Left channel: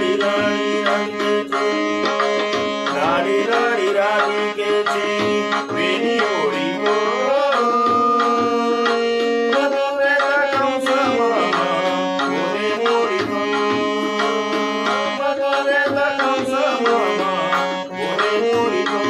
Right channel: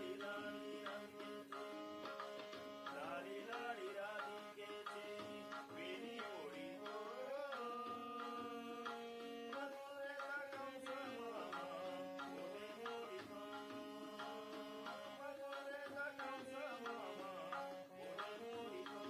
लाडी लाडी राधिकेची लाडी लाडी राधिकेची वेणी ओळी गो मधुरेचा कंस मामा मोरे मोरी गो मधुरेचा कंस मामा मोरे मोरी गो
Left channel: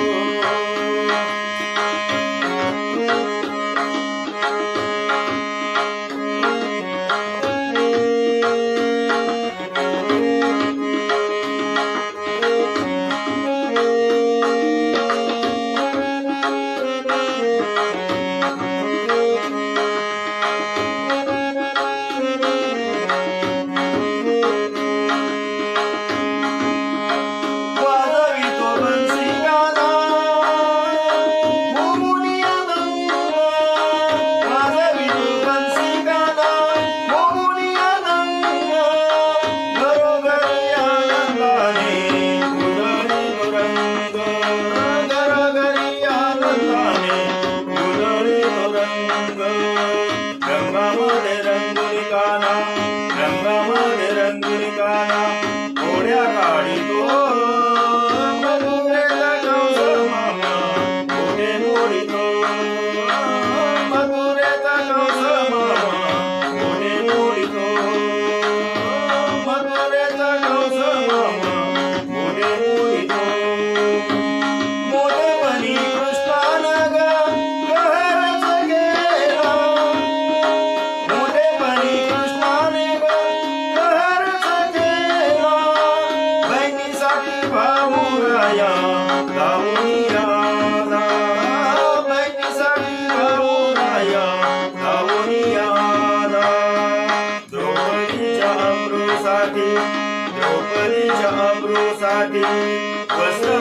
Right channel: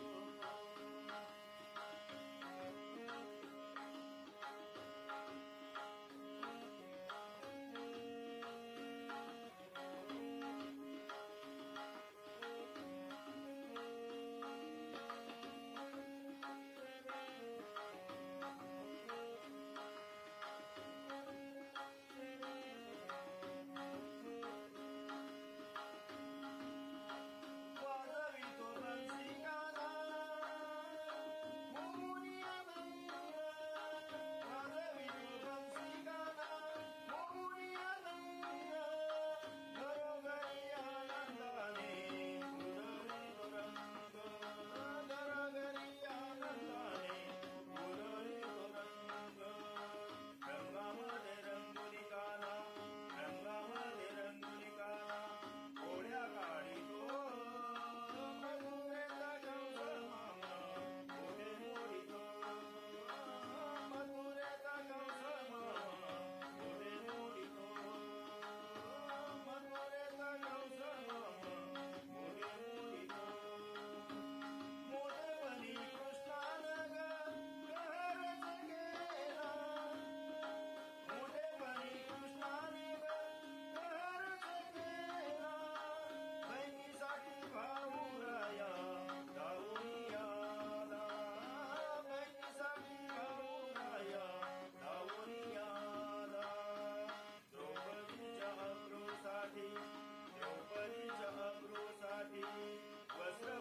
रंगामध्ये रंगुली काना घोड्या काढी तो मधुरेचा कंस मामा मोरे मोरी तो मधुरेचा कंस मामा मोरे मोरी तो मधुरेचा कंस मामा मोरे मोरी तो मोठेपणी कृष्णानं ग कहरच गेला मोठेपणी कृष्णाने ग कहरच गेला बहिणीसाठी भाऊराया गाऊनी आला बहिणीसाठी भाऊराया गाऊनी आला द्रौपदीच्या अमृसाठी वस्त्र